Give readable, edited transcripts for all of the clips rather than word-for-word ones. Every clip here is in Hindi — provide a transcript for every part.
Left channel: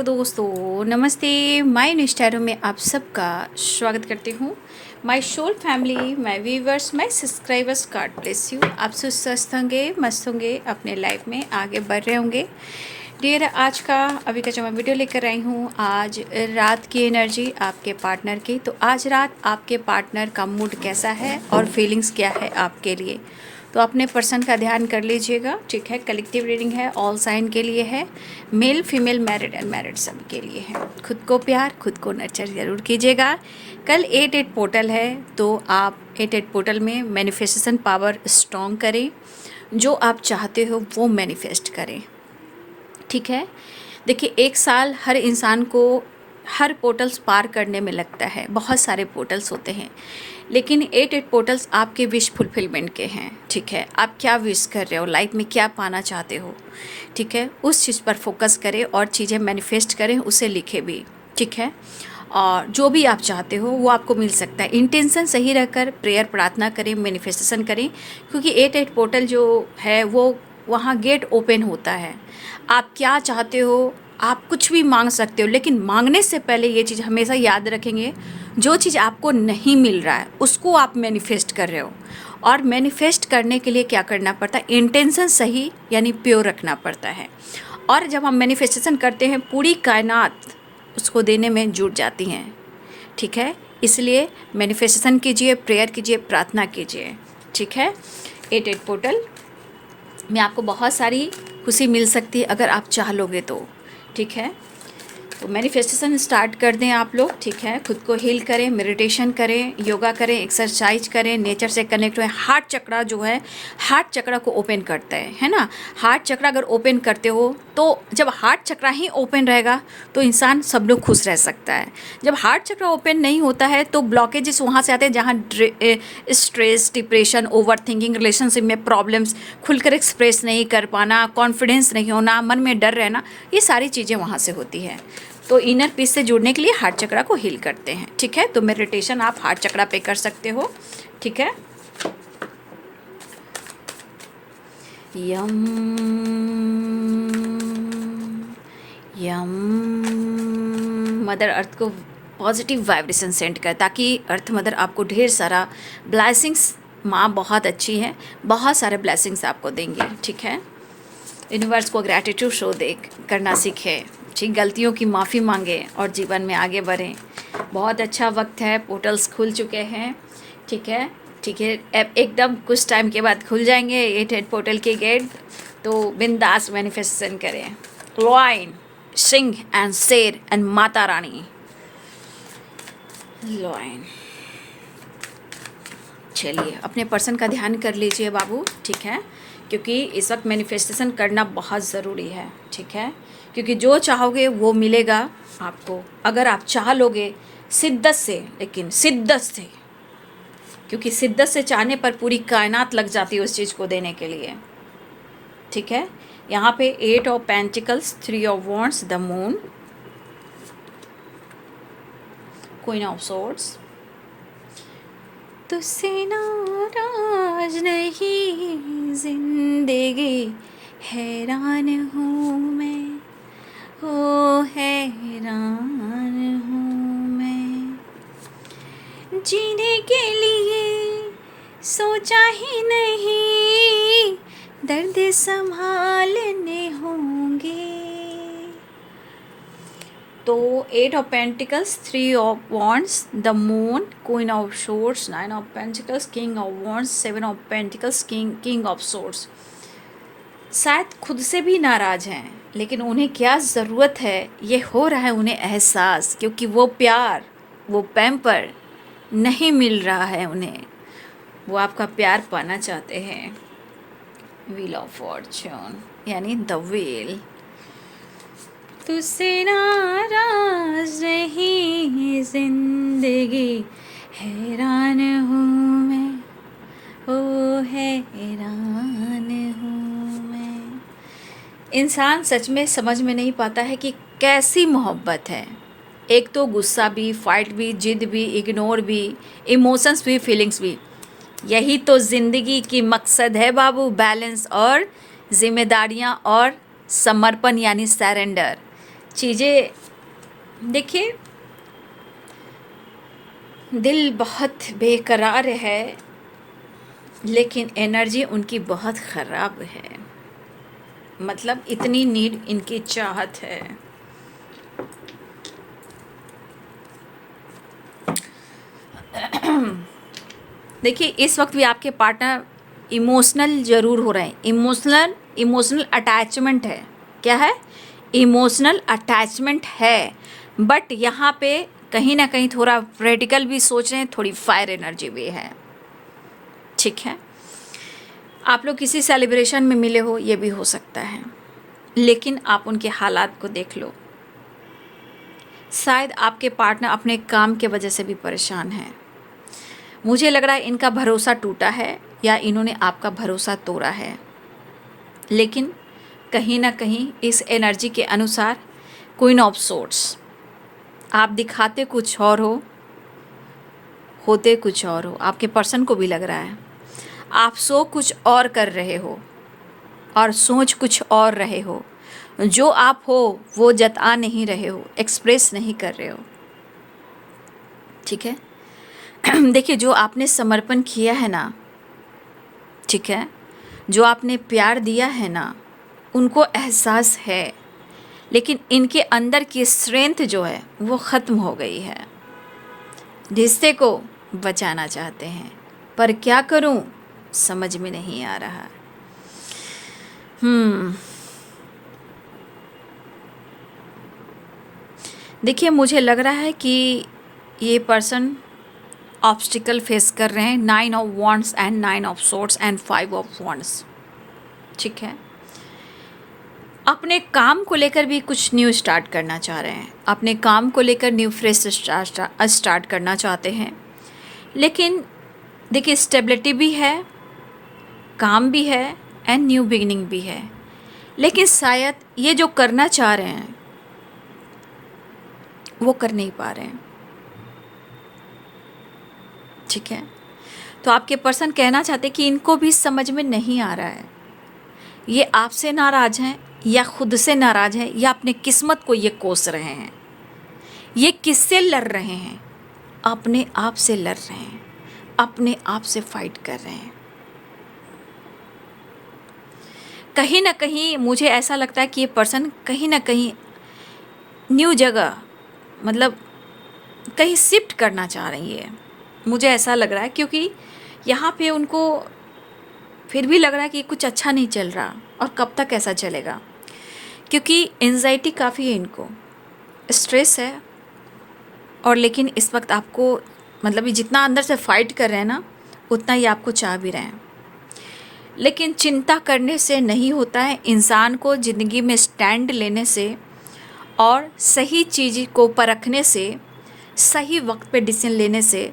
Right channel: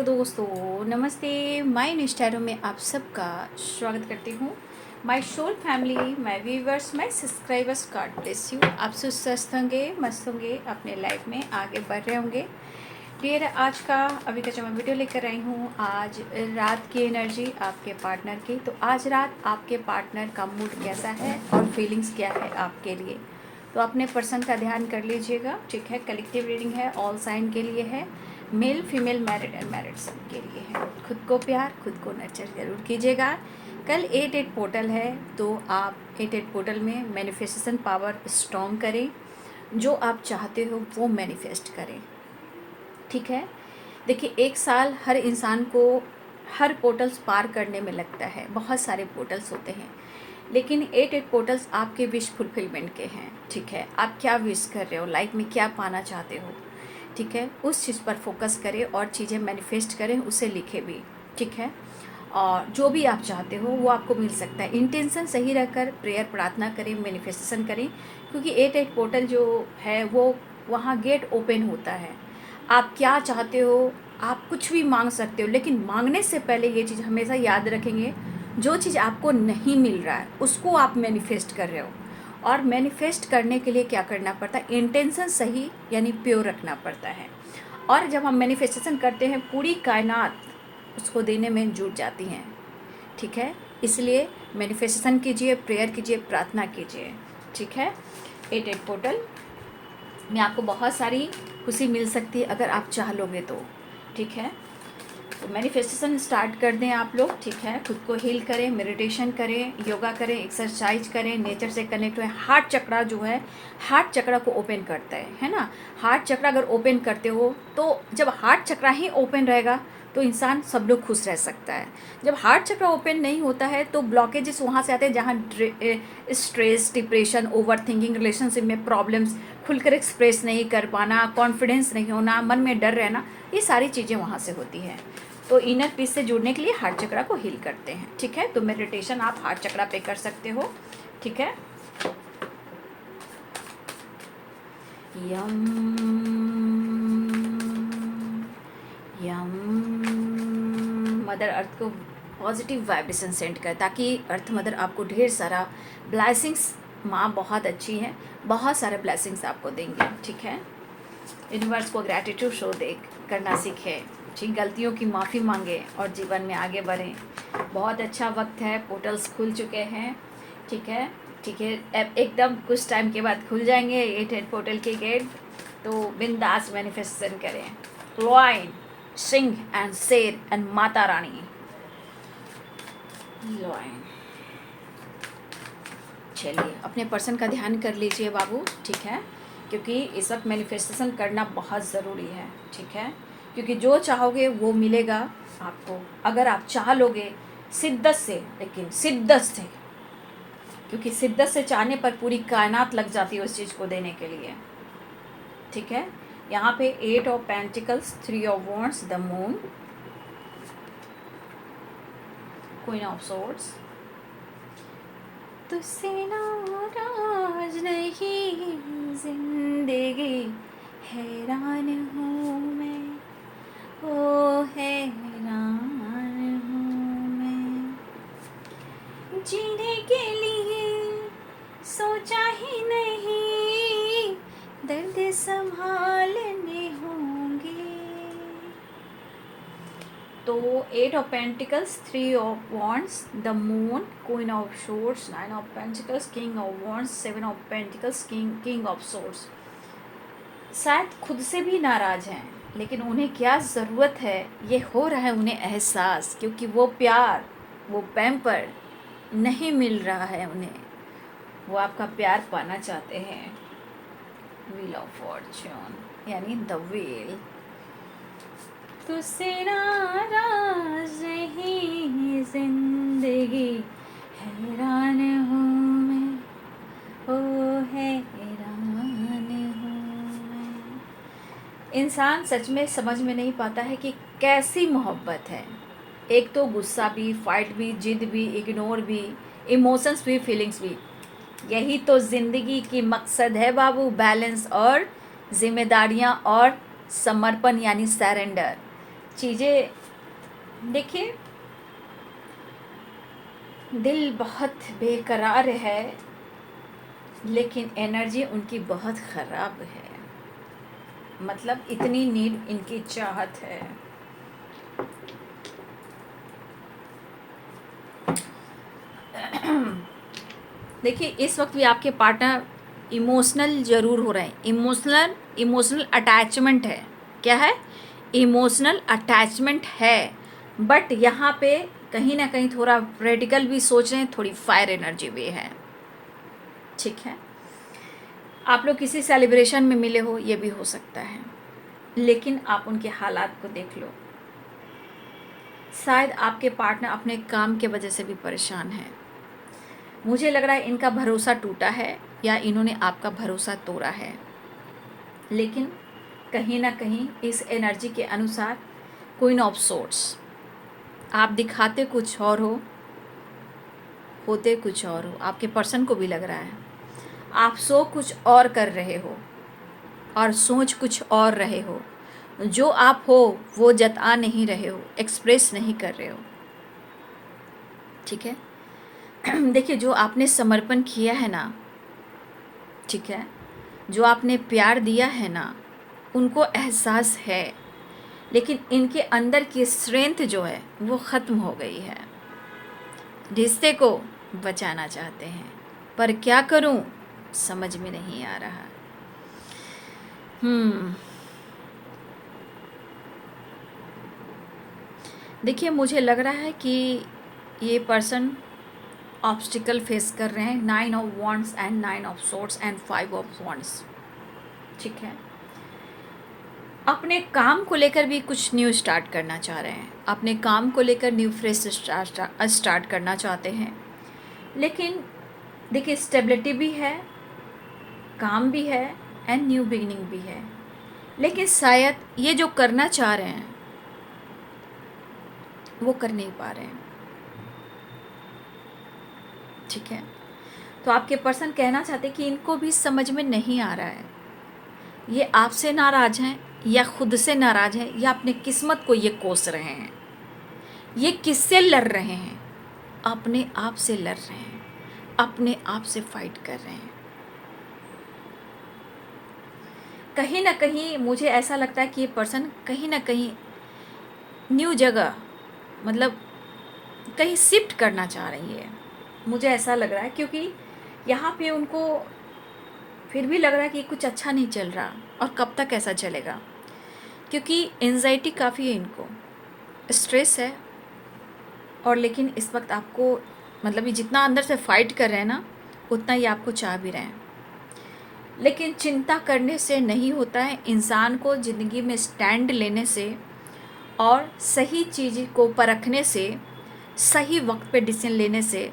हेलो दोस्तों, नमस्ते। माय इंस्टाग्राम में आप सबका स्वागत करती हूँ। My soul family, my viewers, my subscribers, God bless you. आप सब स्वस्थ होंगे, मस्त होंगे, अपने लाइफ में आगे बढ़ रहे होंगे। डियर, आज का अभी का जो मैं वीडियो लेकर आई हूँ, आज रात की एनर्जी आपके पार्टनर की। तो आज रात आपके पार्टनर का मूड कैसा है और फीलिंग्स क्या है आपके लिए, तो अपने पर्सन का ध्यान कर लीजिएगा। ठीक है, कलेक्टिव रीडिंग है, ऑल साइन के लिए है, मेल फीमेल मैरिड अनमैरिड सब के लिए है। खुद को प्यार, खुद को नर्चर ज़रूर कीजिएगा। कल 8-8 पोर्टल है, तो आप 8-8 पोर्टल में मैनिफेस्टेशन पावर स्ट्रॉन्ग करें। जो आप चाहते हो वो मैनिफेस्ट करें। ठीक है, देखिए, एक साल हर इंसान को हर पोर्टल्स पार करने में लगता है। बहुत सारे पोर्टल्स होते हैं, लेकिन 8-8 पोर्टल्स आपके विश फुलफिलमेंट के हैं। ठीक है, आप क्या विश कर रहे हो, लाइफ में क्या पाना चाहते हो। ठीक है, उस चीज़ पर फोकस करें और चीज़ें मैनिफेस्ट करें, उसे लिखें भी। ठीक है, और जो भी आप चाहते हो वो आपको मिल सकता है। इंटेंशन सही रहकर प्रेयर प्रार्थना करें, मैनिफेस्टेशन करें, क्योंकि 8-8 पोर्टल जो है वो वहाँ गेट ओपन होता है। आप क्या चाहते हो, आप कुछ भी मांग सकते हो, लेकिन मांगने से पहले ये चीज़ हमेशा याद रखेंगे, जो चीज़ आपको नहीं मिल रहा है उसको आप मैनिफेस्ट कर रहे हो। और मैनिफेस्ट करने के लिए क्या करना पड़ता है, इंटेंशन सही यानी प्योर रखना पड़ता है। और जब हम मैनिफेस्टेशन करते हैं, पूरी कायनात उसको देने में जुट जाती हैं। ठीक है, इसलिए मैनिफेस्टेशन कीजिए, प्रेयर कीजिए, प्रार्थना कीजिए। ठीक है, 8-8 पोर्टल में आपको बहुत सारी खुशी मिल सकती है अगर आप चाह लोगे तो। ठीक है, तो मैनिफेस्टेशन स्टार्ट कर दें आप लोग। ठीक है, खुद को हील करें, मेडिटेशन करें, योगा करें, एक्सरसाइज करें, नेचर से कनेक्ट हुए। हार्ट चक्रा जो है, हार्ट चक्रा को ओपन करता है ना। हार्ट चक्रा अगर ओपन करते हो तो जब हार्ट चक्रा ही ओपन रहेगा तो इंसान सब लोग खुश रह सकता है। जब हार्ट चक्रा ओपन नहीं होता है तो ब्लॉकेजेस वहाँ से आते हैं, जहाँ stress, depression, over thinking, relationship में प्रॉब्लम्स, खुलकर एक्सप्रेस नहीं कर पाना, कॉन्फिडेंस नहीं होना, मन में डर रहना, ये सारी चीज़ें वहाँ से होती हैं। तो इनर पीस से जुड़ने के लिए हार्ट चक्रा को हील करते हैं। ठीक है, तो मेडिटेशन आप हार्ट चक्रा पे कर सकते हो। ठीक है, यम यम मदर अर्थ को पॉजिटिव वाइब्रेशन सेंड कर, ताकि अर्थ मदर आपको ढेर सारा ब्लेसिंग्स, माँ बहुत अच्छी है, बहुत सारे ब्लेसिंग्स आपको देंगे। ठीक है, यूनिवर्स को ग्रैटिट्यूड शो दे करना सीखें। ठीक, गलतियों की माफ़ी मांगे और जीवन में आगे बढ़ें। बहुत अच्छा वक्त है, पोर्टल्स खुल चुके हैं। ठीक है, ठीक है, अब एकदम कुछ टाइम के बाद खुल जाएंगे 8-8 पोर्टल के गेट। तो बिंदास मैनिफेस्टेशन करें। लॉइन, सिंह एंड शेर एंड माता रानी। लॉइन, चलिए अपने पर्सन का ध्यान कर लीजिए बाबू। ठीक है, क्योंकि इस वक्त मैनिफेस्टेशन करना बहुत ज़रूरी है। ठीक है, क्योंकि जो चाहोगे वो मिलेगा आपको, अगर आप चाह लोगे शिद्दत से, लेकिन शिद्दत से, क्योंकि शिद्दत से चाहने पर पूरी कायनात लग जाती है उस चीज़ को देने के लिए। ठीक है, यहाँ पे 8 of pentacles, 3 of wands, the moon, queen of swords. तुझसे नाराज नहीं जिंदगी, हैरान हूँ मैं, ओ हैरान हूँ मैं। जीने के लिए सोचा ही नहीं, दर्द संभालने होंगे। तो 8 of pentacles, 3 of wands, the moon, queen of swords, 9 of pentacles, king of wands, 7 of pentacles, king of swords. शायद खुद से भी नाराज़ हैं, लेकिन उन्हें क्या ज़रूरत है ये हो रहा है उन्हें एहसास, क्योंकि वो प्यार, वो पैम्पर नहीं मिल रहा है उन्हें। वो आपका प्यार पाना चाहते हैं। व्हील ऑफ फॉर्च्यून यानी द व्हील। तुझसे नाराज नहीं जिंदगी, हैरान हूँ मैं, ओ हैरान हूँ मैं। इंसान सच में समझ में नहीं पाता है कि कैसी मोहब्बत है। एक तो गुस्सा भी, फाइट भी, जिद भी, इग्नोर भी, इमोशंस भी, फीलिंग्स भी। यही तो ज़िंदगी की मकसद है बाबू, बैलेंस और जिम्मेदारियाँ और समर्पण यानी सरेंडर। चीज़ें देखिए, दिल बहुत बेकरार है, लेकिन एनर्जी उनकी बहुत ख़राब है। मतलब इतनी नीड इनकी चाहत है। देखिए, इस वक्त भी आपके पार्टनर इमोशनल ज़रूर हो रहे हैं। इमोशनल अटैचमेंट है। क्या है? इमोशनल अटैचमेंट है, बट यहाँ पे कहीं ना कहीं थोड़ा रेडिकल भी सोच रहे हैं, थोड़ी फायर एनर्जी भी है। ठीक है, आप लोग किसी सेलिब्रेशन में मिले हो, ये भी हो सकता है, लेकिन आप उनके हालात को देख लो। शायद आपके पार्टनर अपने काम के वजह से भी परेशान है। मुझे लग रहा है इनका भरोसा टूटा है या इन्होंने आपका भरोसा तोड़ा है। लेकिन कहीं ना कहीं इस एनर्जी के अनुसार क्वीन ऑफ सोर्ड्स, आप दिखाते कुछ और हो, होते कुछ और हो। आपके पर्सन को भी लग रहा है आप सो कुछ और कर रहे हो और सोच कुछ और रहे हो। जो आप हो वो जता नहीं रहे हो, एक्सप्रेस नहीं कर रहे हो। ठीक है, देखिए, जो आपने समर्पण किया है ना, ठीक है, जो आपने प्यार दिया है ना, उनको एहसास है, लेकिन इनके अंदर की स्ट्रेंथ जो है वो ख़त्म हो गई है। रिश्ते को बचाना चाहते हैं, पर क्या करूं समझ में नहीं आ रहा। देखिए, मुझे लग रहा है कि ये पर्सन ऑब्स्टिकल फेस कर रहे हैं। 9 of wands and 9 of swords and 5 of wands. ठीक है, अपने काम को लेकर भी कुछ न्यू स्टार्ट करना चाह रहे हैं। अपने काम को लेकर न्यू फ्रेश स्टार्ट करना चाहते हैं, लेकिन देखिए, स्टेबिलिटी भी है, काम भी है एंड न्यू बिगिनिंग भी है। लेकिन शायद ये जो करना चाह रहे हैं वो कर नहीं पा रहे हैं। ठीक है, तो आपके पर्सन कहना चाहते हैं कि इनको भी समझ में नहीं आ रहा है, ये आपसे नाराज़ हैं या खुद से नाराज़ हैं या अपनी किस्मत को ये कोस रहे हैं। ये किससे लड़ रहे हैं? अपने आप से लड़ रहे हैं, अपने आप से फाइट कर रहे हैं। कहीं ना कहीं मुझे ऐसा लगता है कि ये पर्सन कहीं ना कहीं न्यू जगह, मतलब कहीं शिफ्ट करना चाह रही है। मुझे ऐसा लग रहा है, क्योंकि यहाँ पे उनको फिर भी लग रहा है कि कुछ अच्छा नहीं चल रहा, और कब तक ऐसा चलेगा, क्योंकि एंजाइटी काफ़ी है इनको, स्ट्रेस है। और लेकिन इस वक्त आपको, मतलब ये जितना अंदर से फाइट कर रहे हैं ना, उतना ही आपको चाह भी रहे हैं। लेकिन चिंता करने से नहीं होता है। इंसान को ज़िंदगी में स्टैंड लेने से और सही चीज़ को परखने से, सही वक्त पे डिसीजन लेने से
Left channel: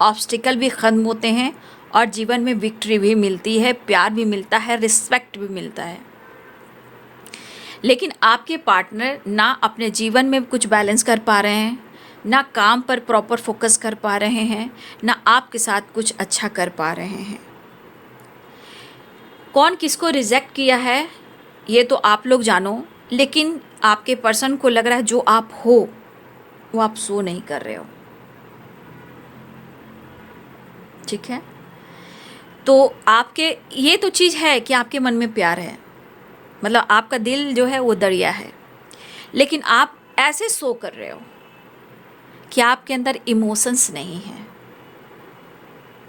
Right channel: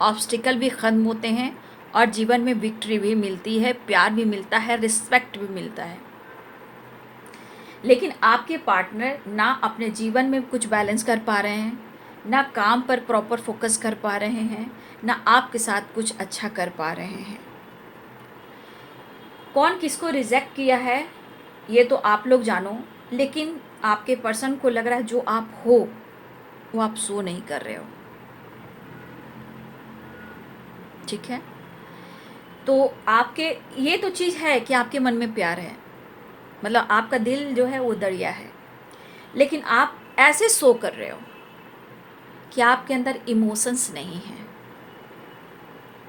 ऑब्स्टिकल भी ख़त्म होते हैं और जीवन में विक्ट्री भी मिलती है, प्यार भी मिलता है, रिस्पेक्ट भी मिलता है। लेकिन आपके पार्टनर ना अपने जीवन में कुछ बैलेंस कर पा रहे हैं, ना काम पर प्रॉपर फोकस कर पा रहे हैं, ना आपके साथ कुछ अच्छा कर पा रहे हैं। कौन किसको रिजेक्ट किया है ये तो आप लोग जानो, लेकिन आपके पर्सन को लग रहा है जो आप हो वो आप सो नहीं कर रहे हो। ठीक है, तो आपके, ये तो चीज़ है कि आपके मन में प्यार है, मतलब आपका दिल जो है वो दरिया है, लेकिन आप ऐसे सो कर रहे हो कि आपके अंदर इमोशंस नहीं हैं,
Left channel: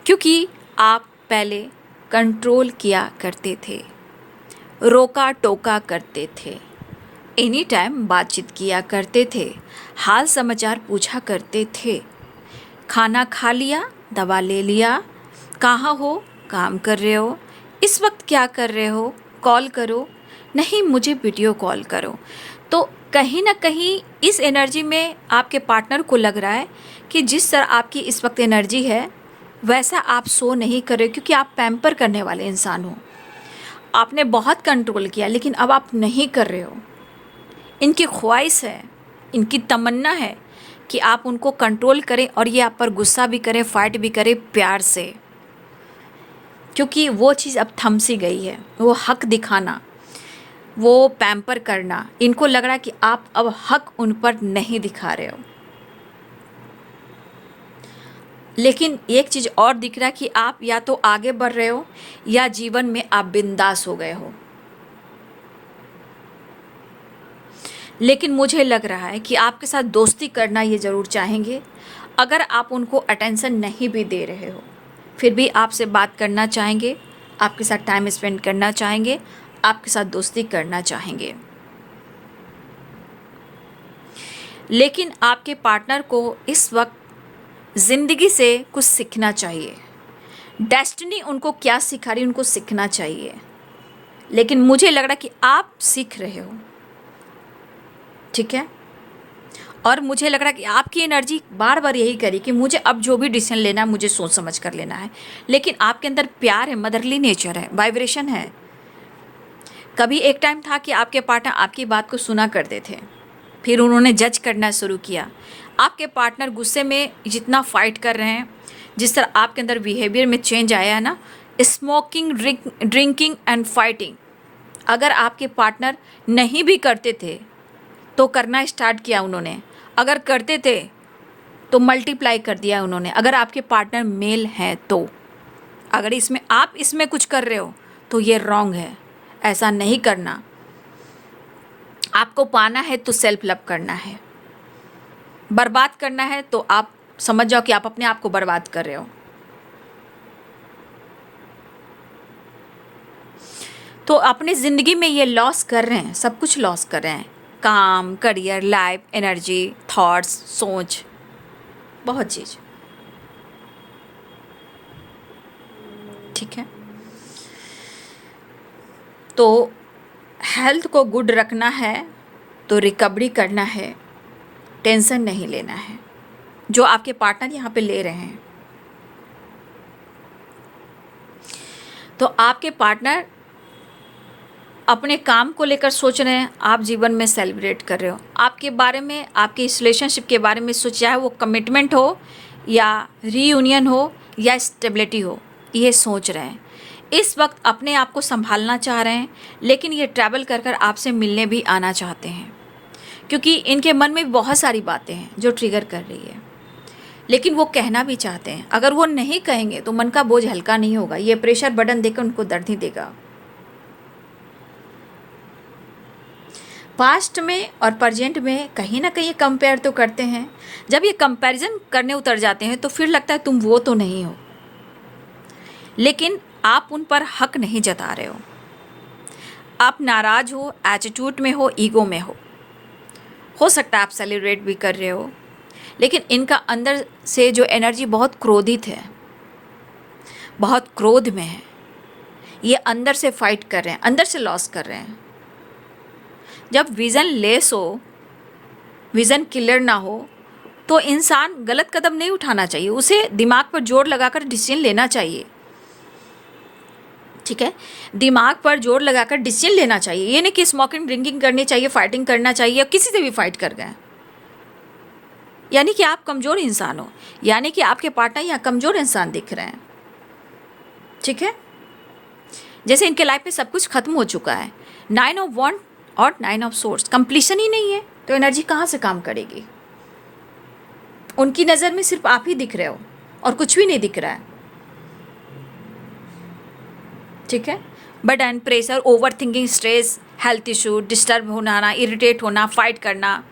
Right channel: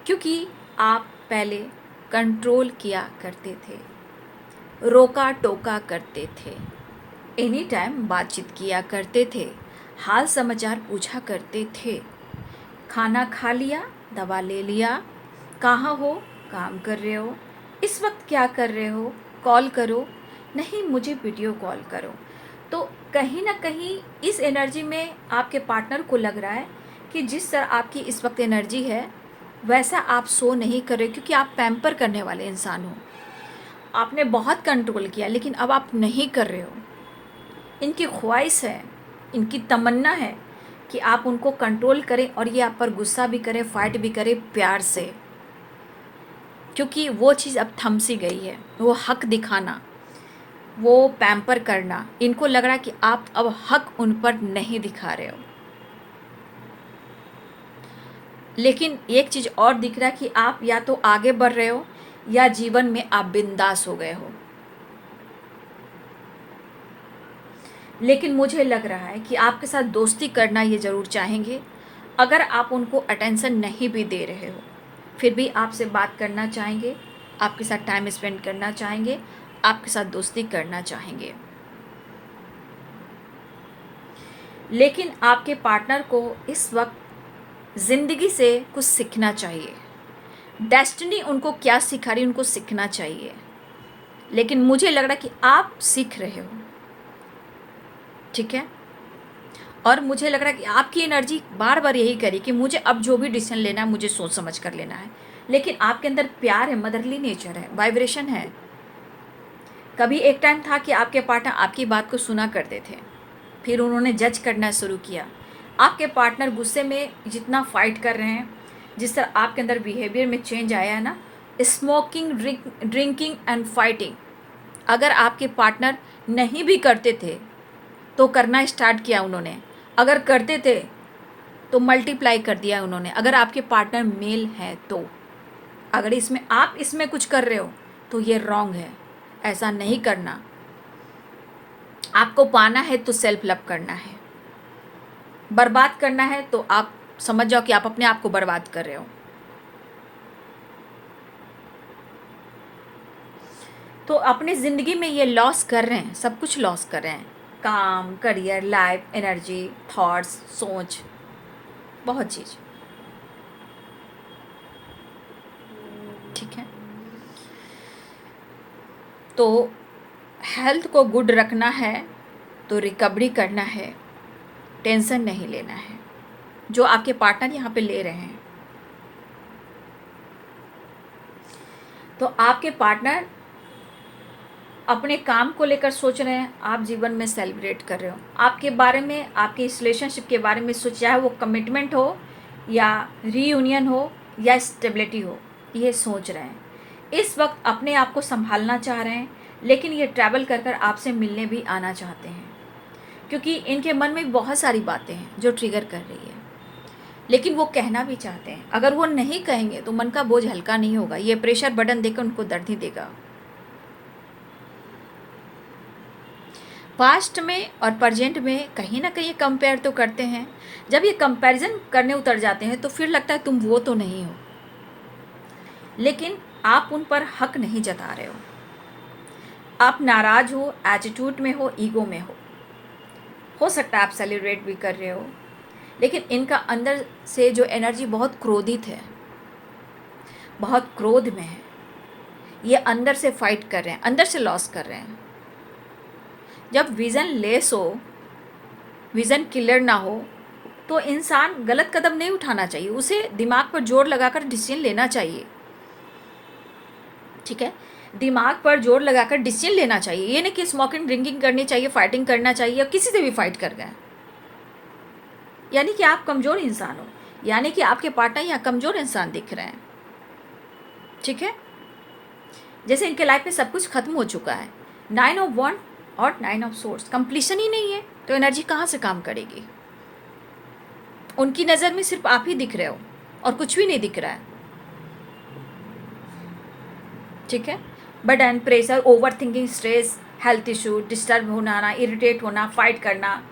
क्योंकि आप पहले कंट्रोल किया करते थे, रोका टोका करते थे, एनी टाइम बातचीत किया करते थे, हाल समाचार पूछा करते थे, खाना खा लिया, दवा ले लिया, कहाँ हो, काम कर रहे हो, इस वक्त क्या कर रहे हो, कॉल करो, नहीं मुझे वीडियो कॉल करो। तो कहीं ना कहीं इस एनर्जी में आपके पार्टनर को लग रहा है कि जिस तरह आपकी इस वक्त एनर्जी है वैसा आप सो नहीं कर रहे, क्योंकि आप पैम्पर करने वाले इंसान हो। आपने बहुत कंट्रोल किया, लेकिन अब आप नहीं कर रहे हो। इनकी ख्वाहिश है, इनकी तमन्ना है कि आप उनको कंट्रोल करें और ये आप पर गुस्सा भी करें, फाइट भी करें प्यार से, क्योंकि वो चीज़ अब थम सी गई है। वो हक दिखाना, वो पैम्पर करना, इनको लग रहा है कि आप अब हक उन पर नहीं दिखा रहे हो। लेकिन एक चीज़ और दिख रहा है कि आप या तो आगे बढ़ रहे हो या जीवन में आप बिंदास हो गए हो। लेकिन मुझे लग रहा है कि आपके साथ दोस्ती करना ये ज़रूर चाहेंगे। अगर आप उनको अटेंशन नहीं भी दे रहे हो, फिर भी आपसे बात करना चाहेंगे, आपके साथ टाइम स्पेंड करना चाहेंगे, आपके साथ दोस्ती करना चाहेंगे। लेकिन आपके पार्टनर को इस वक्त ज़िंदगी से कुछ सीखना चाहिए। डेस्टिनी उनको क्या सिखा रही है, उनको सीखना चाहिए। लेकिन मुझे लग रहा है कि आप सीख रहे हो, ठीक है। और मुझे लग रहा है कि आपकी एनर्जी बार बार यही करी कि मुझे अब जो भी डिसीजन लेना है मुझे सोच समझ कर लेना है। लेकिन आपके अंदर प्यार है, मदरली नेचर है, वाइब्रेशन है। कभी एक टाइम था कि आपके पार्टनर आपकी बात को सुना करते थे, फिर उन्होंने जज करना शुरू किया। आपके पार्टनर गुस्से में जितना फाइट कर रहे हैं, जिस तरह आपके अंदर बिहेवियर में चेंज आया है ना, स्मोकिंग, ड्रिंकिंग एंड फाइटिंग, अगर आपके पार्टनर नहीं भी करते थे तो करना स्टार्ट किया उन्होंने। अगर करते थे तो मल्टीप्लाई कर दिया उन्होंने। अगर आपके पार्टनर मेल हैं तो अगर इसमें आप इसमें कुछ कर रहे हो तो ये रॉन्ग है, ऐसा नहीं करना। आपको पाना है तो सेल्फ लव करना है। बर्बाद करना है तो आप समझ जाओ कि आप अपने आप को बर्बाद कर रहे हो। तो अपने ज़िंदगी में ये लॉस कर रहे हैं, सब कुछ लॉस कर रहे हैं। काम, करियर, लाइफ, एनर्जी, थॉट्स, सोच, बहुत चीज़, ठीक है। तो हेल्थ को गुड रखना है तो रिकवरी करना है, टेंशन नहीं लेना है जो आपके पार्टनर यहाँ पे ले रहे हैं। तो आपके पार्टनर अपने काम को लेकर सोच रहे हैं, आप जीवन में सेलिब्रेट कर रहे हो। आपके बारे में, आपके इस रिलेशनशिप के बारे में सोच, चाहे वो कमिटमेंट हो या रीयूनियन हो या स्टेबिलिटी हो, ये सोच रहे हैं। इस वक्त अपने आप को संभालना चाह रहे हैं, लेकिन ये ट्रैवल कर कर आपसे मिलने भी आना चाहते हैं, क्योंकि इनके मन में बहुत सारी बातें हैं जो ट्रिगर कर रही है। लेकिन वो कहना भी चाहते हैं। अगर वो नहीं कहेंगे तो मन का बोझ हल्का नहीं होगा, ये प्रेशर बटन देकर उनको दर्द ही देगा। पास्ट में और प्रेजेंट में कहीं ना कहीं कंपेयर तो करते हैं। जब ये कंपैरिजन करने उतर जाते हैं तो फिर लगता है तुम वो तो नहीं हो, लेकिन आप उन पर हक नहीं जता रहे हो। आप नाराज हो, एटीट्यूड में हो, ईगो में हो सकता है आप सेलिब्रेट भी कर रहे हो, लेकिन इनका अंदर से जो एनर्जी बहुत क्रोधित है, बहुत क्रोध में है। ये अंदर से फाइट कर रहे हैं, अंदर से लॉस कर रहे हैं। जब विज़न लेस हो, विज़न क्लियर ना हो, तो इंसान गलत कदम नहीं उठाना चाहिए, उसे दिमाग पर जोर लगाकर डिसीजन लेना चाहिए, ठीक है। दिमाग पर जोर लगाकर डिसीजन लेना चाहिए। ये नहीं कि स्मोकिंग, ड्रिंकिंग करनी चाहिए, फाइटिंग करना चाहिए, किसी से भी फाइट कर गए, यानी कि आप कमज़ोर इंसान हो, यानी कि आपके पार्टनर यहाँ कमज़ोर इंसान दिख रहे हैं, ठीक है। जैसे इनके लाइफ में सब कुछ खत्म हो चुका है। 9 ऑफ वॉन्ड और 9 ऑफ सोर्स, कंप्लीशन ही नहीं है, तो एनर्जी कहाँ से काम करेगी। उनकी नज़र में सिर्फ आप ही दिख रहे हो और कुछ भी नहीं दिख रहा है, ठीक है। Burden, pressure, over thinking, stress, health issue, disturb होना, इरिटेट होना, फाइट करना,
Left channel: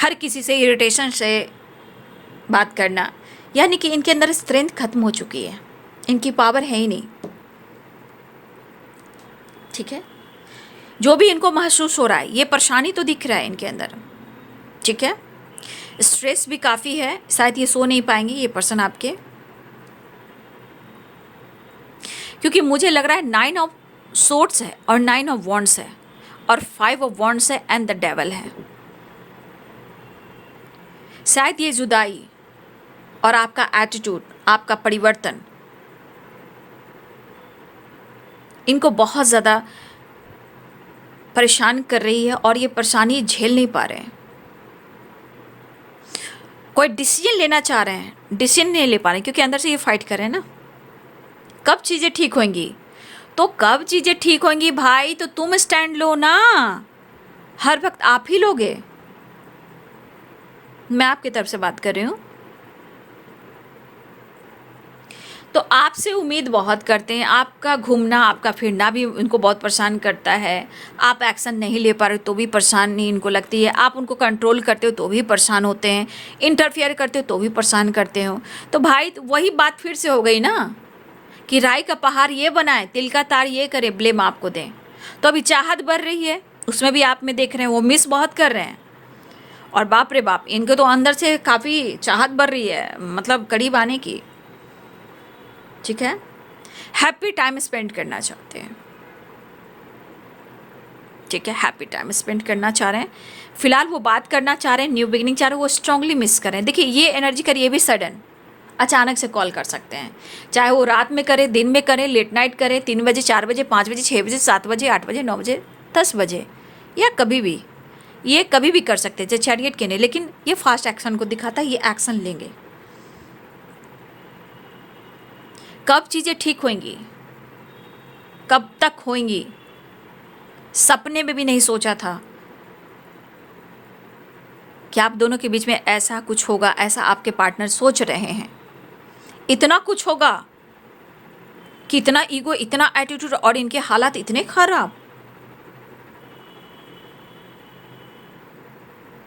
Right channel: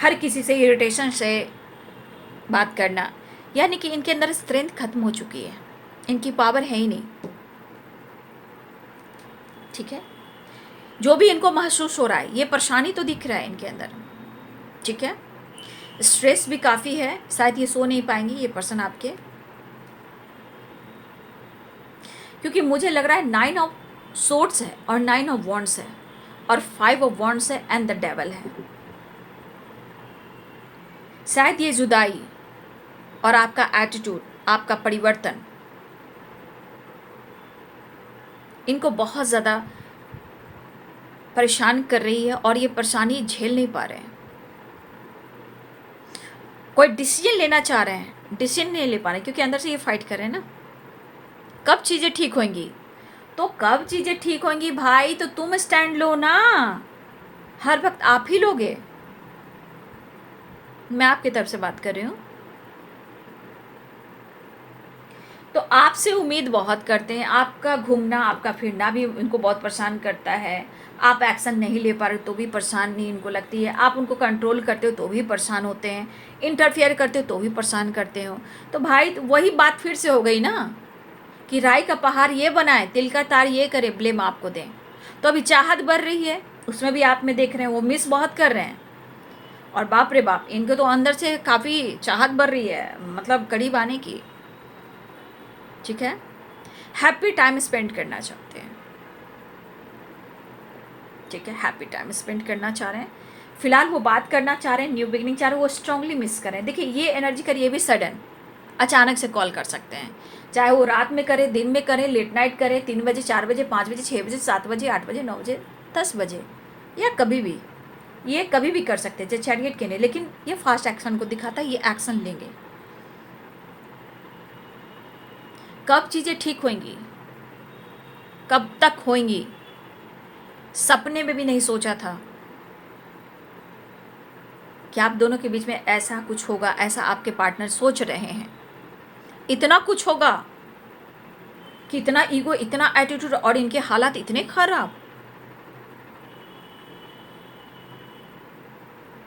हर किसी से इरिटेशन से बात करना, यानी कि इनके अंदर स्ट्रेंथ खत्म हो चुकी है, इनकी पावर है ही नहीं, ठीक है। जो भी इनको महसूस हो रहा है, ये परेशानी तो दिख रहा है इनके अंदर, ठीक है। स्ट्रेस भी काफ़ी है, शायद ये सो नहीं पाएंगे ये पर्सन आपके, क्योंकि मुझे लग रहा है 9 ऑफ सोर्ड्स है और 9 ऑफ वॉन्ड्स है और 5 ऑफ वॉन्ड्स है एंड द डेवल है। शायद ये जुदाई और आपका एटीट्यूड, आपका परिवर्तन इनको बहुत ज़्यादा परेशान कर रही है और ये परेशानी झेल नहीं पा रहे हैं। कोई डिसीजन लेना चाह रहे हैं, डिसीजन नहीं ले पा रहे क्योंकि अंदर से ये फाइट कर रहे हैं ना, कब चीज़ें ठीक होंगी। तो कब चीज़ें ठीक होंगी भाई? तो तुम स्टैंड लो ना, हर वक्त आप ही लोगे। मैं आपकी तरफ से बात कर रही हूँ। तो आपसे उम्मीद बहुत करते हैं, आपका घूमना आपका फिरना भी उनको बहुत परेशान करता है। आप एक्शन नहीं ले पा रहे तो भी परेशानी इनको लगती है, आप उनको कंट्रोल करते हो तो भी परेशान होते हैं, इंटरफेयर करते हो तो भी परेशान करते हो। तो भाई वही बात फिर से हो गई ना कि राई का पहाड़ ये बनाए, तिल का तार ये करे, ब्लेम आपको दें। तो अभी चाहत बढ़ रही है, उसमें भी आप में देख रहे हैं वो मिस बहुत कर रहे हैं। और बाप रे बाप, इनको तो अंदर से काफ़ी चाहत बढ़ रही है, मतलब करीब आने की। ठीक है, हैप्पी टाइम स्पेंड करना चाहते हैं। ठीक है, हैप्पी टाइम स्पेंड करना चाह रहे हैं, फिलहाल वो बात करना चाह रहे हैं, न्यू बिगिनिंग चाह रहे हैं, वो स्ट्रांगली मिस कर रहे हैं। देखिए ये एनर्जी करिए भी सडन अचानक से कॉल कर सकते हैं, चाहे वो रात में करें, दिन में करें, लेट नाइट करें, 3 बजे, 4 बजे, 5 बजे, 6 बजे, 7 बजे, 8 बजे, 9 बजे, 10 बजे, या कभी भी, ये कभी भी कर सकते हैं, जैसे चैरियट के नहीं। लेकिन ये फास्ट एक्शन को दिखाता है, ये एक्शन लेंगे। कब चीज़ें ठीक होंगी, कब तक होंगी, सपने में भी नहीं सोचा था कि आप दोनों के बीच में ऐसा कुछ होगा, ऐसा आपके पार्टनर सोच रहे हैं। इतना कुछ होगा कि इतना ईगो, इतना एटीट्यूड, और इनके हालात इतने खराब,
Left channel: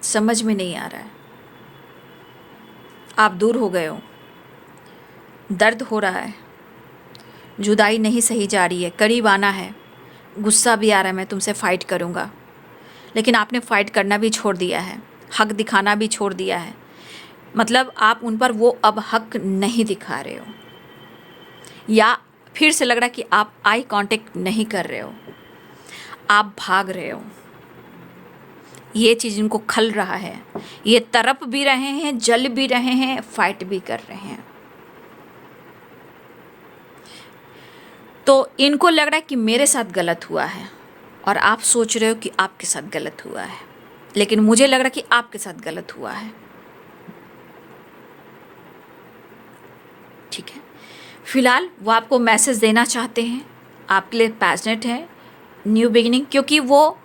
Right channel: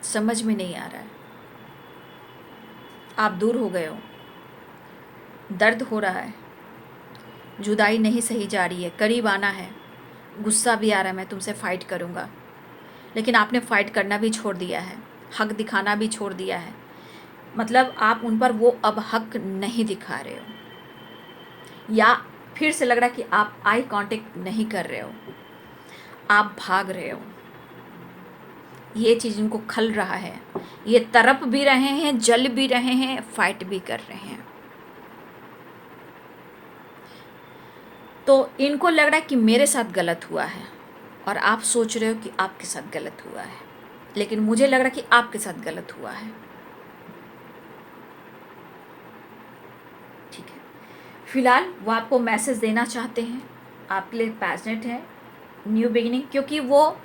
समझ में नहीं आ रहा है। आप दूर हो गए हो, दर्द हो रहा है, जुदाई नहीं सही जा रही है, करीब आना है, गुस्सा भी आ रहा है, मैं तुमसे फ़ाइट करूँगा, लेकिन आपने फ़ाइट करना भी छोड़ दिया है, हक दिखाना भी छोड़ दिया है। मतलब आप उन पर वो अब हक नहीं दिखा रहे हो, या फिर से लग रहा है कि आप आई कांटेक्ट नहीं कर रहे हो, आप भाग रहे हो। ये चीज़ इनको खल रहा है, ये तड़प भी रहे हैं, जल भी रहे हैं, फाइट भी कर रहे हैं। तो इनको लग रहा है कि मेरे साथ गलत हुआ है, और आप सोच रहे हो कि आपके साथ गलत हुआ है, लेकिन मुझे लग रहा है कि आपके साथ गलत हुआ है। ठीक है, फिलहाल वो आपको मैसेज देना चाहते हैं, आपके लिए पैशनेट है न्यू बिगिनिंग, क्योंकि वो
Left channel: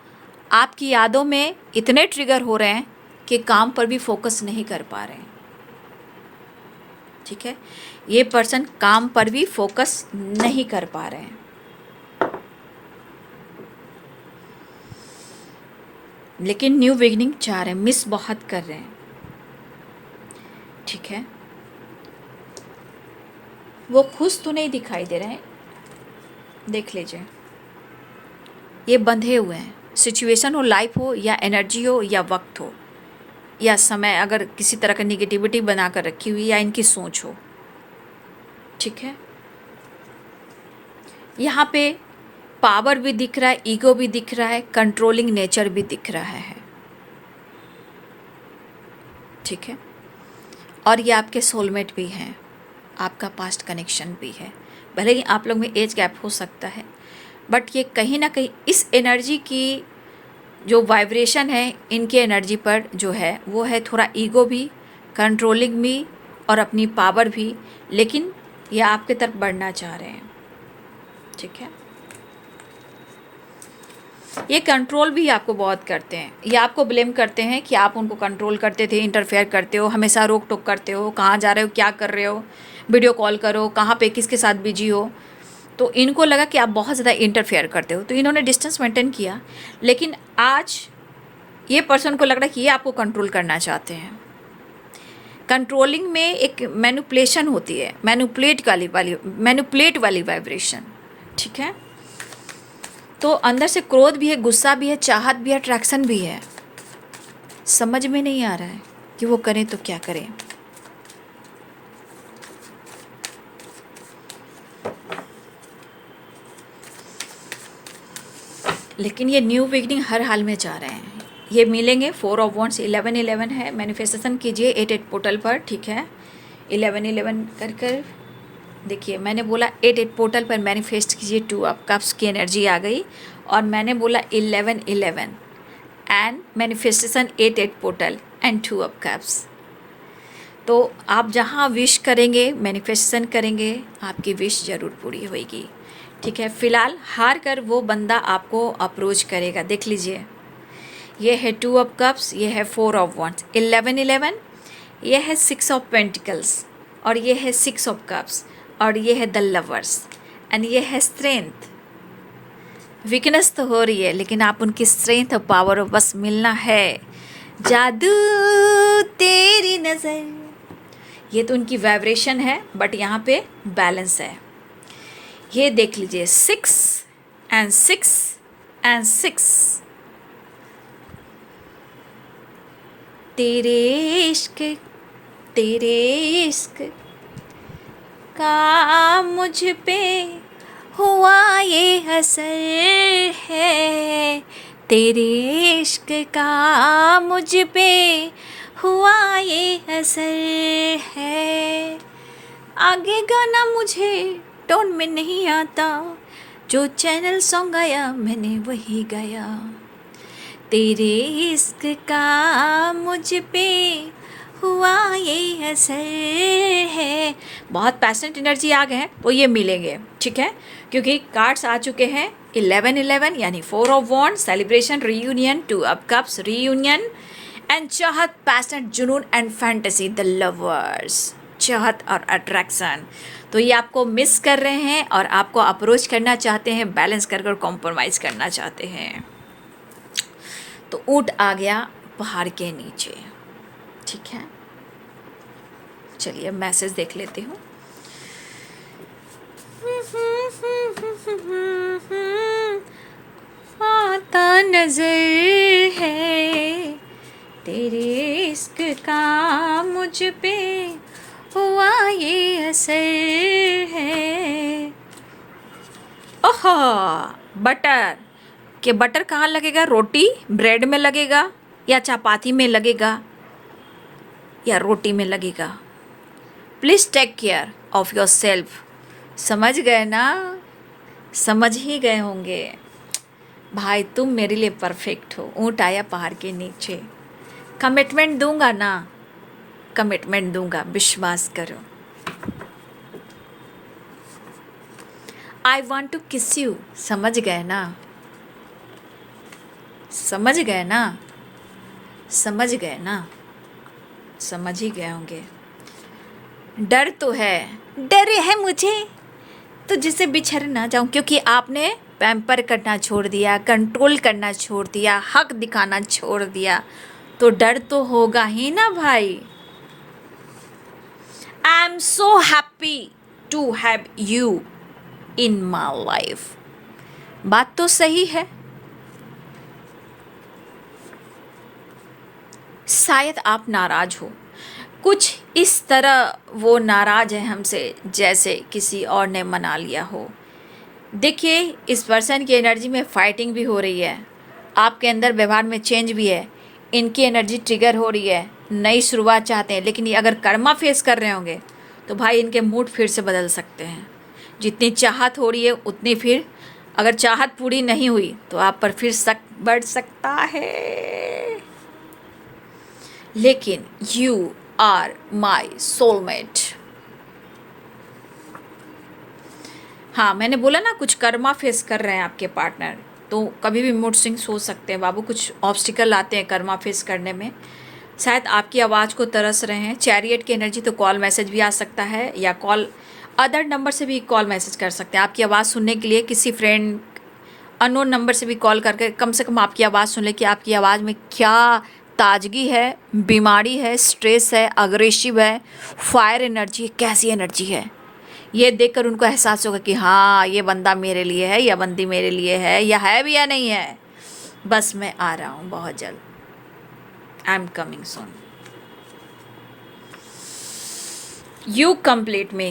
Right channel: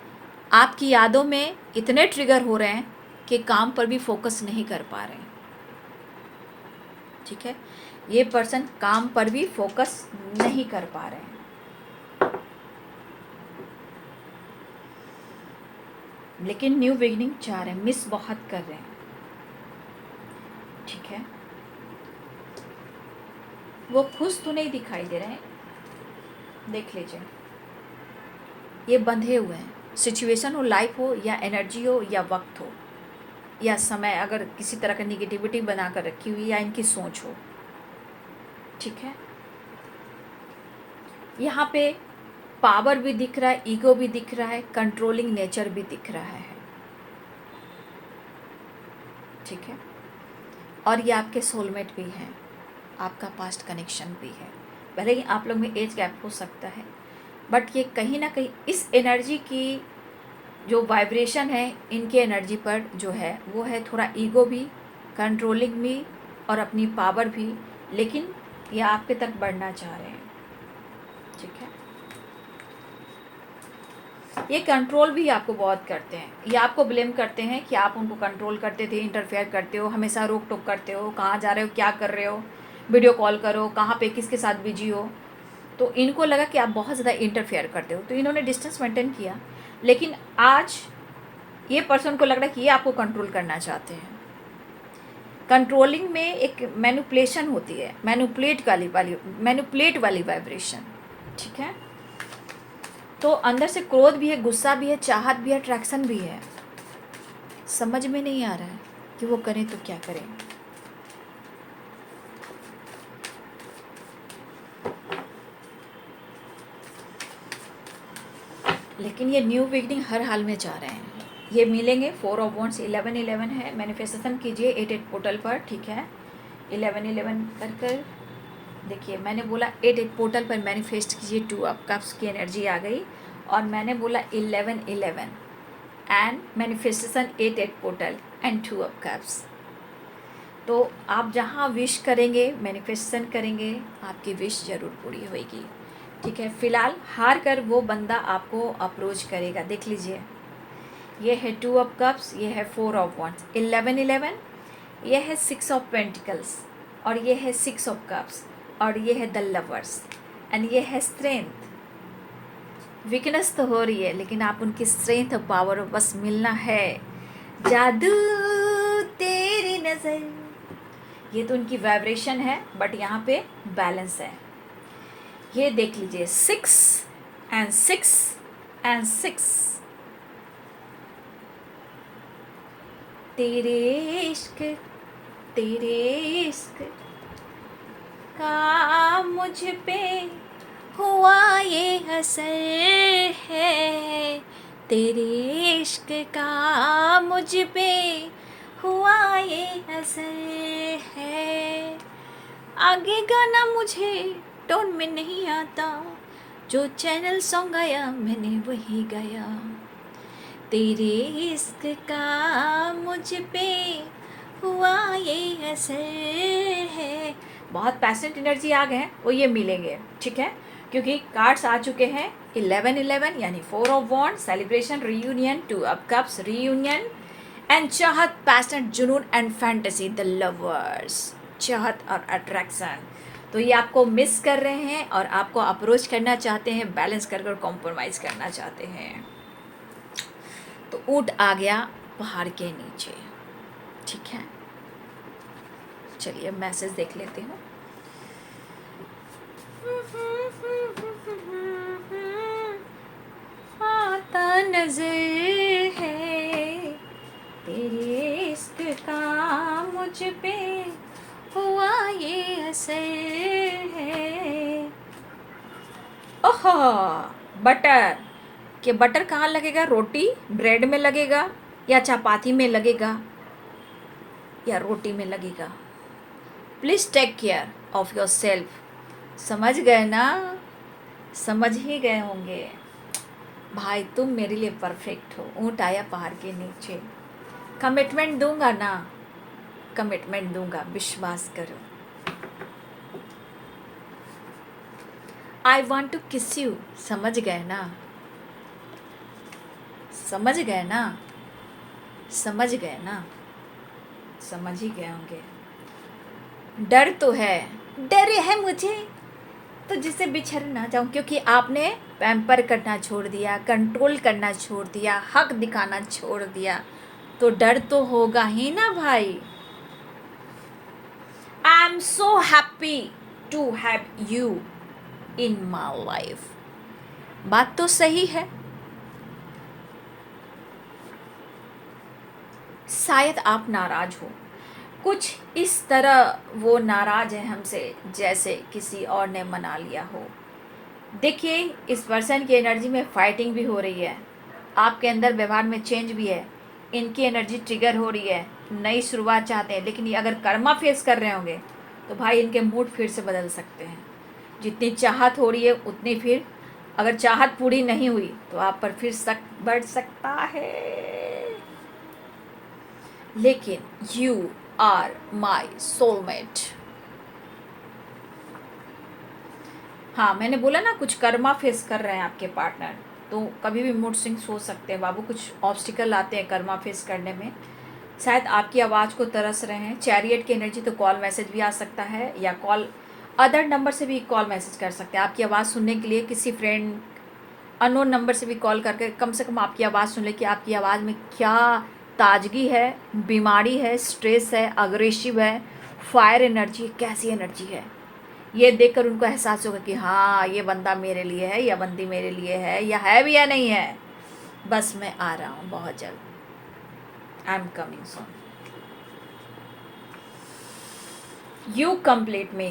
आपकी यादों में इतने ट्रिगर हो रहे हैं कि काम पर भी फोकस नहीं कर पा रहे हैं। ठीक है, ये पर्सन काम पर भी फोकस नहीं कर पा रहे हैं। लेकिन न्यू बिगिनिंग चाह रहे हैं, मिस बहुत कर रहे हैं। ठीक है, वो खुश तो नहीं दिखाई दे रहे हैं, देख लीजिए, ये बंधे हुए हैं। सिचुएशन हो, लाइफ हो, या एनर्जी हो, या वक्त हो, या समय, अगर किसी तरह का निगेटिविटी बना कर रखी हुई, या इनकी सोच हो। ठीक है, यहाँ पे पावर भी दिख रहा है, ईगो भी दिख रहा है, कंट्रोलिंग नेचर भी दिख रहा है। ठीक है, और ये आपके सोलमेट भी हैं, आपका पास्ट कनेक्शन भी है। भले ही आप लोग में एज गैप हो सकता है, बट ये कहीं ना कहीं इस एनर्जी की जो वाइब्रेशन है, इनके एनर्जी पर जो है वो है थोड़ा ईगो भी, कंट्रोलिंग भी, और अपनी पावर भी, लेकिन ये आपके तरफ बढ़ना चाह रहे हैं। ठीक है, ये कंट्रोल भी आपको बहुत करते हैं, ये आपको ब्लेम करते हैं कि आप उनको कंट्रोल करते थे, इंटरफेयर करते हो, हमेशा रोक टोक करते हो, कहाँ जा रहे हो, क्या कर रहे हो, वीडियो कॉल करो, कहाँ पे किसके साथ बिजी हो। तो इनको लगा कि आप बहुत ज़्यादा इंटरफेयर करते हो, तो इन्होंने डिस्टेंस मेंटेन किया। लेकिन आज ये पर्सन को लग रहा है कि ये आपको कंट्रोल करना चाहते हैं। कंट्रोलिंग में एक मैनिपुलेशन होती है, मैनिपुलेट वाली वाइब्रेशन। ठीक है, तो अंदर से क्रोध भी है, गुस्सा भी है, चाहत भी है, अट्रैक्शन भी है। समझ में नहीं आ रहा है कि वो करें तो क्या करें। लेकिन ये न्यू बिगनिंग हर हाल में चाह रहे हैं, ये मिलेंगे। 4 ऑफ वॉन्ड्स, 11-11 है, मैनिफेस्टेशन कीजिए 8-8 पोर्टल पर। ठीक है, 11-11 कर कर देखिए, मैंने बोला 8-8 पोर्टल पर मैनिफेस्ट कीजिए, 2 ऑफ कप्स की एनर्जी आ गई, और मैंने बोला 11-11 and manifestation 8-8 portal and 2 of cups. तो आप जहाँ विश करेंगे, मैनिफेस्टेशन करेंगे, आपकी विश ज़रूर पूरी होगी। ठीक है, फिलहाल हार कर वो बंदा आपको अप्रोच करेगा। देख लीजिए, ये है 2 ऑफ कप्स, ये है 4 ऑफ वंस, 11 ये है 6 ऑफ पेंटिकल्स, और ये है 6 ऑफ कप्स, और ये है द लवर्स, एंड ये है स्ट्रेंथ। वीकनेस तो हो रही है, लेकिन आप उनकी स्ट्रेंथ और पावर बस मिलना है। जादू तेरी नज़र, ये तो उनकी वाइब्रेशन है, बट यहाँ पे बैलेंस है। ये देख लीजिए, 6 एंड 6 एंड 6। तेरे इश्क का मुझ पे हुआ ये असर है, तेरे इश्क का मुझ पे हुआ ये असर है। आगे गाना मुझे टोन में नहीं आता, जो चैनल सॉन्ग आया मैंने वही गाया, तेरे इश्क का मुझ पे हुआ ये असर है। बहुत पैशनेट एनर्जी आ गए हैं, वो ये मिलेंगे, ठीक है, क्योंकि कार्ड्स आ चुके हैं 11 यानी 4 of wands, celebration, reunion, 2 of cups, reunion, and चाहत, पैशनेट, जुनून एंड फैंटेसी, द लवर्स, चाहत और अट्रैक्शन। तो ये आपको मिस कर रहे हैं और आपको अप्रोच करना चाहते हैं, बैलेंस कर कॉम्प्रोमाइज़ करना चाहते हैं। तो ऊँट आ गया पहाड़ के नीचे, ठीक है। चलिए मैसेज देख लेते हूँ। आता नजर है तेरे इश्क का मुझ पे हुआ ये असर है। ओहो, बटर के बटर कहाँ लगेगा? रोटी ब्रेड में लगेगा, या चपाती में लगेगा, या रोटी में लगेगा? Please take care of yourself. समझ गए ना? समझ ही गए होंगे। भाई तुम मेरे लिए परफेक्ट हो। ऊँट आया पहाड़ के नीचे। कमिटमेंट दूंगा ना, कमिटमेंट दूंगा, विश्वास करो। आई वॉन्ट टू किस यू। समझ गए ना? समझ गए ना? समझ गए ना? समझ ही गए होंगे। डर तो है, डर है मुझे तो जिससे बिछड़ ना जाऊं, क्योंकि आपने पैम्पर करना छोड़ दिया, कंट्रोल करना छोड़ दिया, हक दिखाना छोड़ दिया, तो डर तो होगा ही ना भाई। I am so happy to have you in my life. बात तो सही है। शायद आप नाराज हो, कुछ इस तरह वो नाराज है हमसे जैसे किसी और ने मना लिया हो। देखिए, इस पर्सन की एनर्जी में फाइटिंग भी हो रही है, आपके अंदर व्यवहार में चेंज भी है, इनकी एनर्जी ट्रिगर हो रही है, नई शुरुआत चाहते हैं। लेकिन ये अगर कर्मा फेस कर रहे होंगे तो भाई इनके मूड फिर से बदल सकते हैं। जितनी चाहत हो रही है उतनी फिर, अगर चाहत पूरी नहीं हुई तो आप पर फिर शक बढ़ सकता है। लेकिन यू आर माई सोलमेट। हाँ, मैंने बोला ना, कुछ कर्मा फेस कर रहे हैं आपके पार्टनर, तो कभी भी मूड स्विंग्स हो सकते हैं बाबू। कुछ ऑब्स्टिकल आते हैं कर्मा फेस करने में। शायद आपकी आवाज़ को तरस रहे हैं। चैरियट की एनर्जी, तो कॉल मैसेज भी आ सकता है, या कॉल अदर नंबर से भी कॉल मैसेज कर सकते हैं आपकी आवाज़ सुनने के लिए। किसी फ्रेंड अननोन नंबर से भी कॉल करके कम से कम आपकी आवाज़ सुन ले कि आपकी आवाज़ में क्या ताजगी है, बीमारी है, स्ट्रेस है, अग्रेसिव है, फायर एनर्जी, कैसी एनर्जी है। ये देखकर उनको एहसास होगा कि हाँ, ये बंदा मेरे लिए है, या बंदी मेरे लिए है, या है भी या नहीं है। बस मैं आ रहा हूँ बहुत जल्द। I am coming soon. You complete me.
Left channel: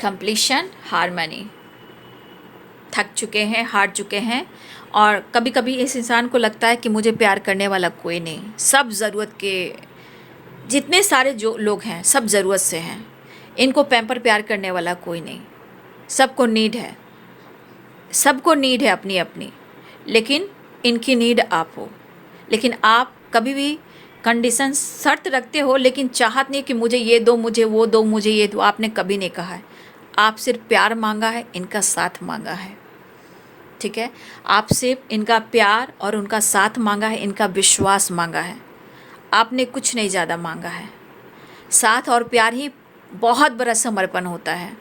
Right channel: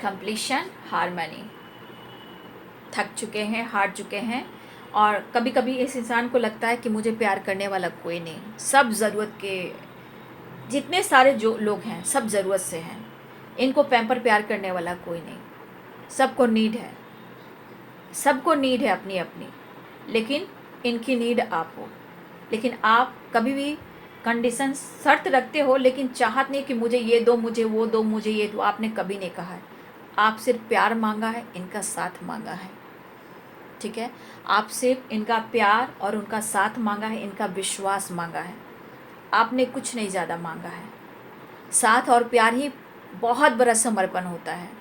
Completion, harmony. थक चुके हैं, हार चुके हैं, और कभी कभी इस इंसान को लगता है कि मुझे प्यार करने वाला कोई नहीं। सब ज़रूरत के, जितने सारे जो लोग हैं सब ज़रूरत से हैं, इनको पैम्पर प्यार करने वाला कोई नहीं। सबको नीड है, सबको नीड है अपनी अपनी, लेकिन इनकी नीड आप हो। लेकिन आप कभी भी कंडीशन शर्त रखते हो, लेकिन चाहत नहीं कि मुझे ये दो, मुझे वो दो, मुझे ये दो, आपने कभी नहीं कहा है। आप सिर्फ प्यार मांगा है, इनका साथ मांगा है, ठीक है। आप सिर्फ इनका प्यार और उनका साथ मांगा है, इनका विश्वास मांगा है। आपने कुछ नहीं ज़्यादा मांगा है। साथ और प्यार ही बहुत बड़ा समर्पण होता है।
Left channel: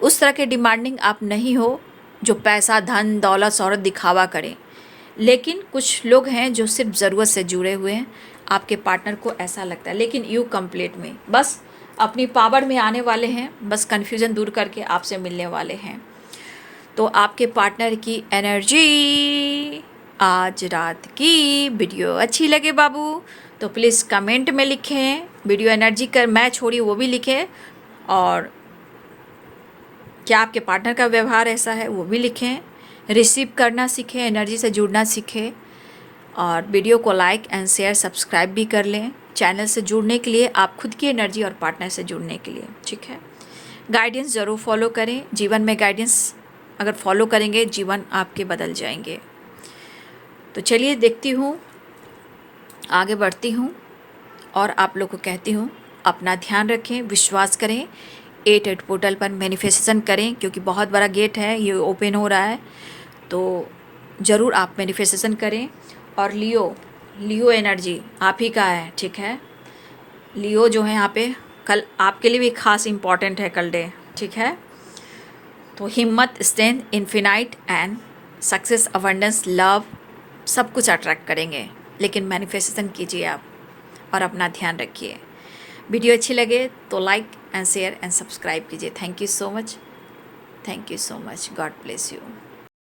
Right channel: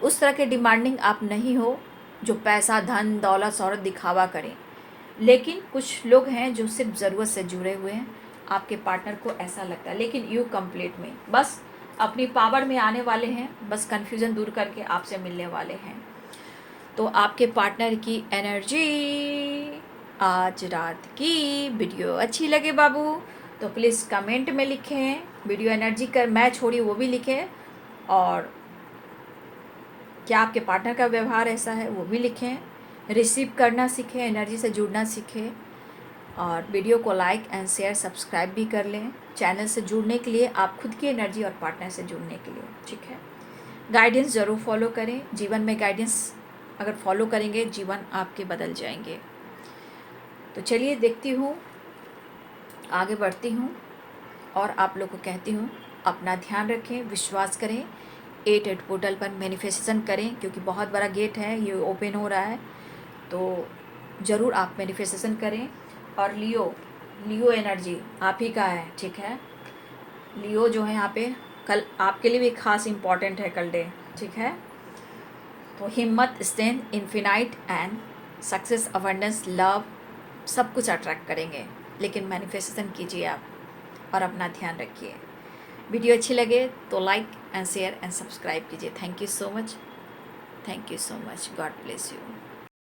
उस तरह के डिमांडिंग आप नहीं हो जो पैसा, धन, दौलत, शोहरत दिखावा करें। लेकिन कुछ लोग हैं जो सिर्फ ज़रूरत से जुड़े हुए हैं, आपके पार्टनर को ऐसा लगता है। लेकिन यू कंप्लीट में बस अपनी पावर में आने वाले हैं, बस कन्फ्यूज़न दूर करके आपसे मिलने वाले हैं। तो आपके पार्टनर की एनर्जी आज रात की वीडियो अच्छी लगे बाबू तो प्लीज़ कमेंट में लिखें। वीडियो एनर्जी कर मैच हो रही वो भी लिखें, और क्या आपके पार्टनर का व्यवहार ऐसा है वो भी लिखें। रिसीव करना सीखें, एनर्जी से जुड़ना सीखें, और वीडियो को लाइक एंड शेयर सब्सक्राइब भी कर लें चैनल से जुड़ने के लिए, आप खुद की एनर्जी और पार्टनर से जुड़ने के लिए, ठीक है। गाइडेंस ज़रूर फॉलो करें। जीवन में गाइडेंस अगर फॉलो करेंगे, जीवन आपके बदल जाएंगे। तो चलिए देखती हूँ, आगे बढ़ती हूँ, और आप लोग को कहती हूँ अपना ध्यान रखें, विश्वास करें, 8 पोर्टल पर मैनिफेस्टेशन करें, क्योंकि बहुत बड़ा गेट है, ये ओपन हो रहा है। तो ज़रूर आप मैनिफेस्टेशन करें। और लियो एनर्जी आप ही का है, ठीक है। लियो जो है यहाँ पे कल आपके लिए भी खास इम्पॉर्टेंट है कल डे, ठीक है। तो हिम्मत, strength, infinite and success, abundance, love सब कुछ अट्रैक्ट करेंगे। लेकिन मैनिफेस्टेशन कीजिए आप, और अपना ध्यान रखिए। वीडियो अच्छी लगे तो like and share and subscribe कीजिए। Thank you so much, thank you so much. God bless you.